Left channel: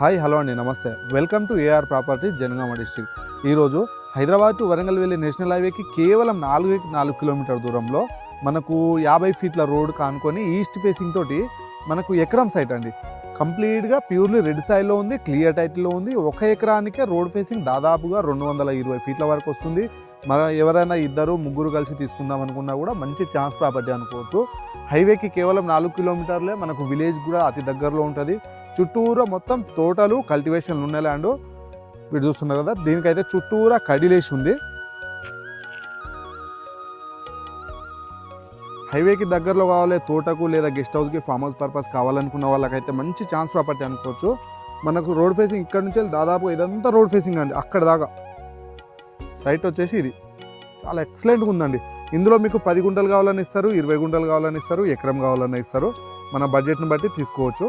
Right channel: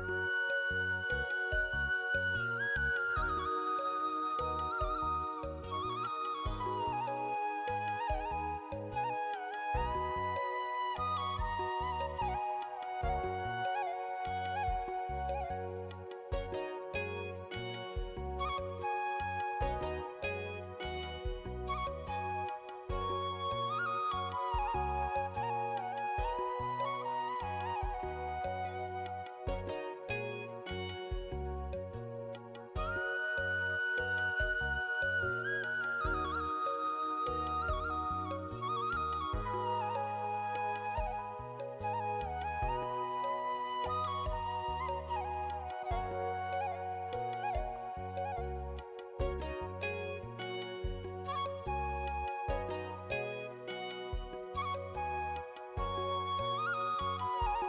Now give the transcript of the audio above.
Hi hello అండి నమస్తే welcome to AR properties Jangaon district. ఈరోజు హైదరాబాద్ టు వరంగల్ వెళ్ళే నేషనల్ హైవేకి కేవలం 4 కిలోమీటర్ దూరంలో మనకు 50 ఫీట్ల రోడ్ కానుకొని ఈస్ట్ ఫేసింగ్ తోటి మనకు ఎకరం సైట్ అండి. కంప్లీట్గా ప్యూర్లీ రెడ్ సాయిల్లో ఉంది, క్లియర్ టైటిల్లో ఉంది. 1 ఎకరానికే రోడ్ ఫేసింగ్ దాదాపుగా 220 ఫీట్ల వరకు వస్తుంది. మన ఎవరైనా 2-3 కలిసి తీసుకుందాం అనుకున్నా కూడా మంచి ఛాన్స్ ప్రాపర్టీ అనుకోవచ్చు. హైవేకి కేవలం 4 కిలోమీటర్లే, మనకు విలేజ్ కూడా అతి దగ్గరలో ఉంటుంది. చుట్టూరా మొత్తం తోటలు కల్టివేషన్ ఉన్న ల్యాండ్ మీరు చూస్తున్నారు కదా. దీనికైతే చుట్టూరా కడిలేసి ఉంది. హైవేకి దగ్గరలో కావాలి, తోటకు లేదా గెస్ట్ హౌస్కి ఫామ్ హౌస్ పర్పస్ కావాలనుకున్న వాళ్ళకైతే మంచి ఛాన్స్ ప్రాపర్టీ అనుకోవచ్చు. మనకు రోడ్ ఫేసింగ్ ఇక్కడ నుంచి దాదాపు ఇదంతా రోడ్ ఫేసింగ్ అండి. అక్కడ దాకా సైట్ వచ్చేసి ఇది చాలా ఎక్సలెంట్గా ఉందండి. ఇందులో మీకు 10 గుంటలు కావాలని ఇస్తారు, 20 గుంటలు కావాలని ఇస్తారు, ఎకరం కావాలని ఇస్తారు. మన బడ్జెట్ని బట్టి తీసుకోవచ్చు.